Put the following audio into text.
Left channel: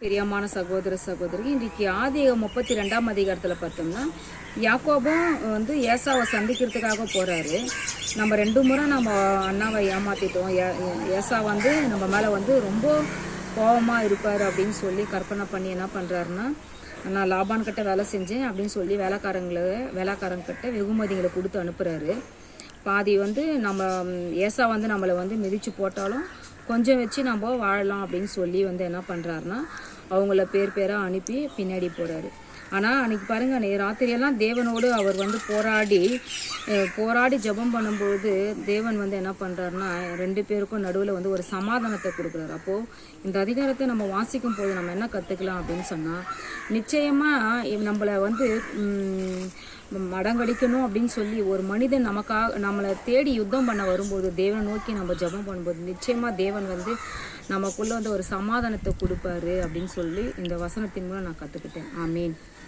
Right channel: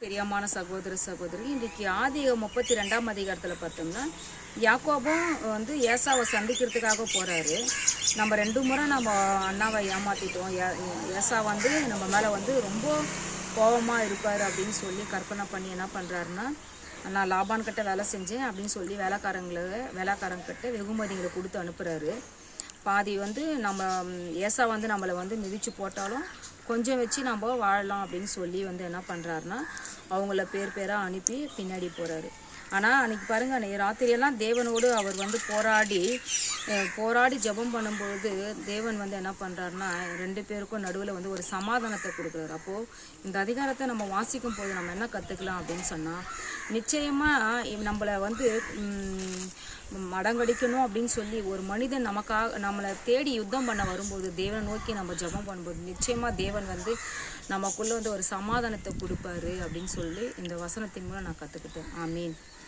பெரியமான சகோதர சகோதரி இன்றைக்கு ஆதியாகமம் 32ஆம் அதிகாரத்தில் பார்த்தோம்னா யாக்கோபும் ஏசாவை சந்திக்கிறதுக்காக போகிறாரு. நம்ம 2 முறை நம்ம அண்ணாவை ஏமாற்றிட்டோம். ஏசா நம்ம மேலே ரொம்ப கோபமாக இருப்பார் அப்படின்னு சொல்லி கற்பனை பண்ணி என்ன பண்ணுறாருன்னா, நான் லாபான் கிட்ட வேலை செஞ்சேன் அப்படின்னு சொல்லி வேலைக்காரங்கிட்ட வெகுமதிகளை கொடுத்து அனுப்புகிறாரு. பாதி நம்ம ஏசா நம்மளை மிதித்து போட்டாலும் கொஞ்சம் வச்சு நம்ம வாழலாம் அப்படின்னு சொல்லி என்ன பண்ணுறாருன்னா, அவங்கள பேராக அனுப்பி பின்னாடி போகிறாரு. ஆனால் அன்றைக்கி பாருங்கள், ராத்திரியெல்லாம் தேவனோடு அவர் போராடி ஜெபம் பண்ணும்போது தேவன் என்ன பண்ணுறாருன்னா, 2 பேருக்கும் நடுவில் ஒரு சமாதானத்தை கொடுக்குறாரு. அப்போது இந்த அதிகாரத்தை நம்ம வாசிக்கும் போது நம்ம என்ன கற்றுக்கலாம் அப்படின்னு சொன்னால், நிச்சயமாக நம்மளை மடங்கடிக்கணும் அப்படின்னு சொல்லி ஒரு மனிதன் நம்மளை தேடி யுத்தம் பண்ண வரும்போது தேவனை நோக்கி நம்ம ஜெபம் பண்ணும்போது நிச்சயமாக தேவன் நமக்குள்ளே ஒரு சமாதானத்தை கொடுப்பாரு அப்படின்னு சொல்லி இந்த வசனத்தின் மூலம் நான் கற்றுக்கிட்டேன். ஆமீன்.